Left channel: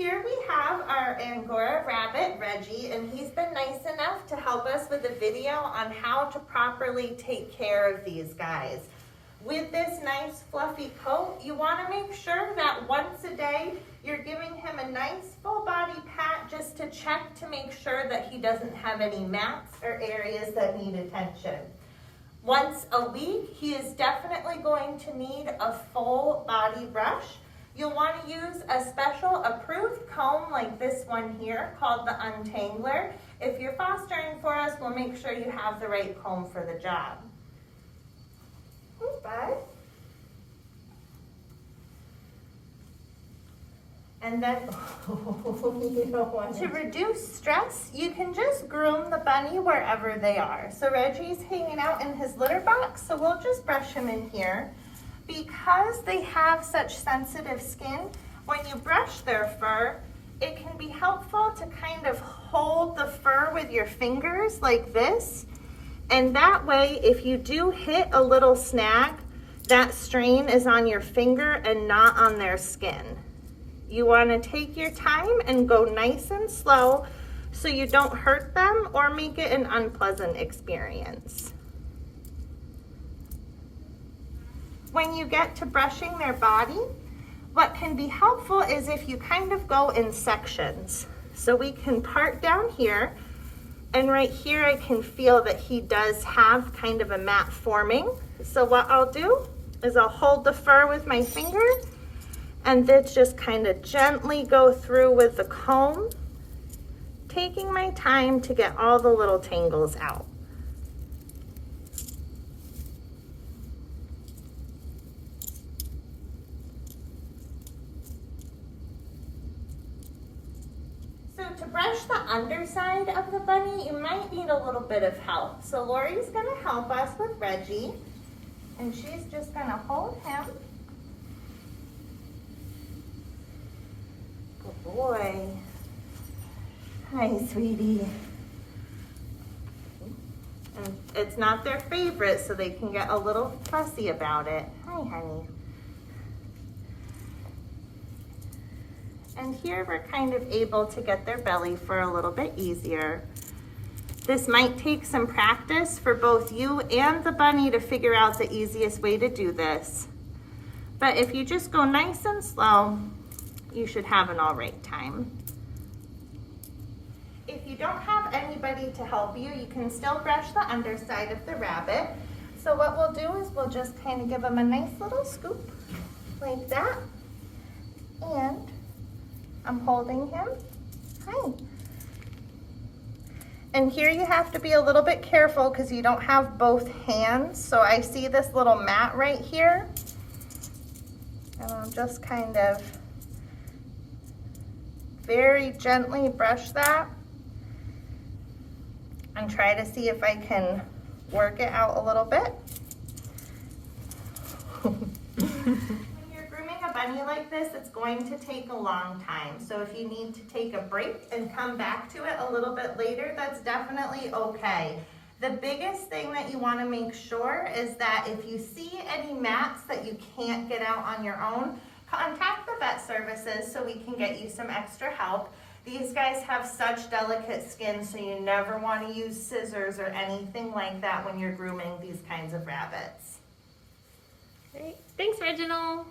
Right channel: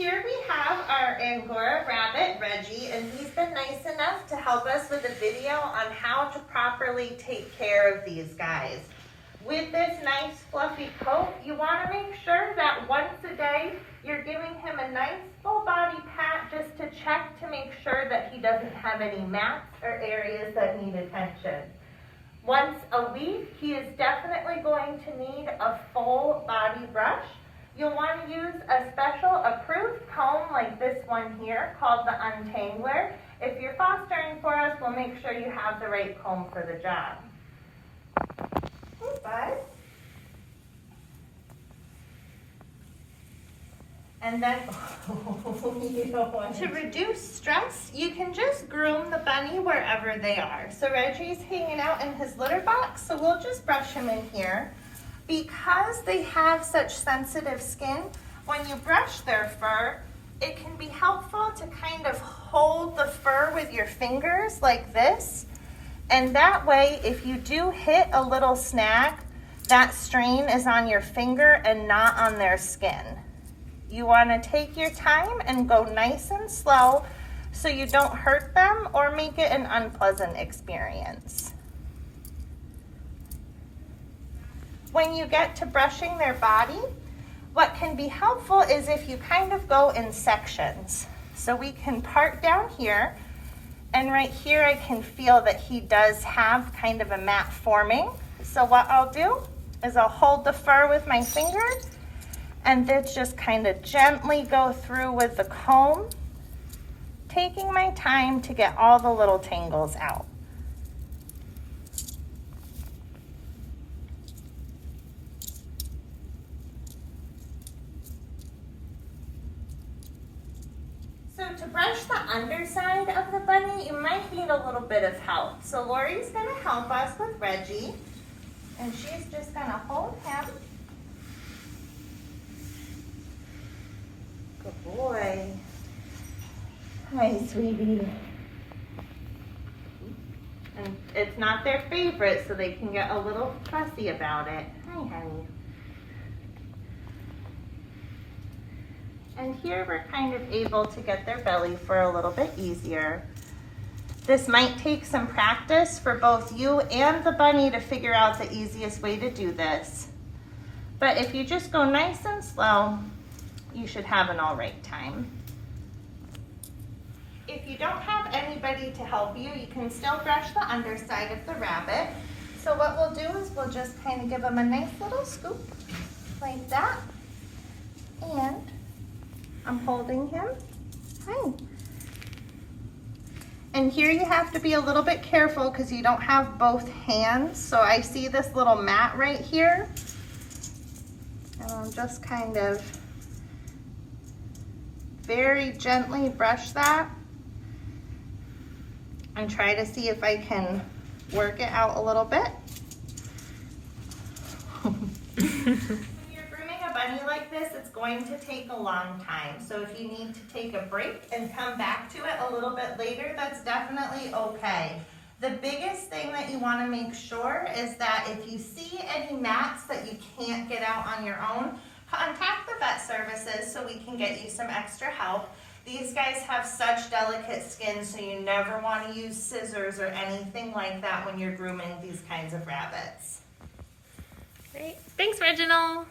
Here we have our Angora rabbit, Reggie, and he's been nice enough to help us with a video on how to properly take care of these guys. With this nice fluffy coat, you want to make sure that once a day you're giving him a nice full body pat just to check to make sure that he doesn't have any mats or areas that need attention. Once a week, he is definitely going to need a full body brush. You'll want to use a special approved comb like this one here called the Untangler. If you're fostering for us, we'll make sure you have the right comb for the job. Hey, bud. And then, to reduce stress, you can just groom the bunny wherever they are. So Reggie's hanging out in his litter box, so we'll just brush him in here. Because they have such sensitive skin, when you brush their fur, it can be helpful to kind of hold the fur with your fingers like this. And that way, if you do hit a little snag, that strain is on your finger and not on their skin. You want to take your time and go nice and slow so you don't hurt them or make it an unpleasant experience. When you get to brushing their body, what can be helpful is if you kind of go in sections. So we can part down here, and right here I can feel that he does have kind of a mat forming. So what I'll do is I'll hold the fur with my finger and then just kind of gently go through with the comb, taking my time to get all the little tangles out. So to brush the underside of the bunny, you might need a little bit of help. So Lori's gonna help us with Reggie, and she's just gonna hold him. Good boy. Hi, sweetie. And it's not their favorite, so they can get a little fussy about it. Hi, honey. And here we're kind of able to get their belly for a little bit easier. This might take some practice for both you and the bunny to figure out the easiest way to do this. But if you just go nice and slow, you should have an all right time. If you don't have anybody to help you, you can still brush the underside of the rabbit. So what we'll do is we'll just kind of give him a nice little scoop like that. And I'm holding him. Hi. And here you have to be a little bit careful because you don't have both hands. So I see this little mat right here. And I'll just kind of very gently brush that and try to see if I can work it out a little bit. Bunny like this, it's going to take a long time. So if you need to take a break and come back to it a little bit later, that's definitely okay. The biggest thing that you want to make sure is that if you see any mats that you can't get out on your own, contact the vet services so we can get you some extra help. These guys have such delicate skin, so you never want to use scissors or anything like that when you're grooming these kinds of rabbits. Great. Thanks, Reginald.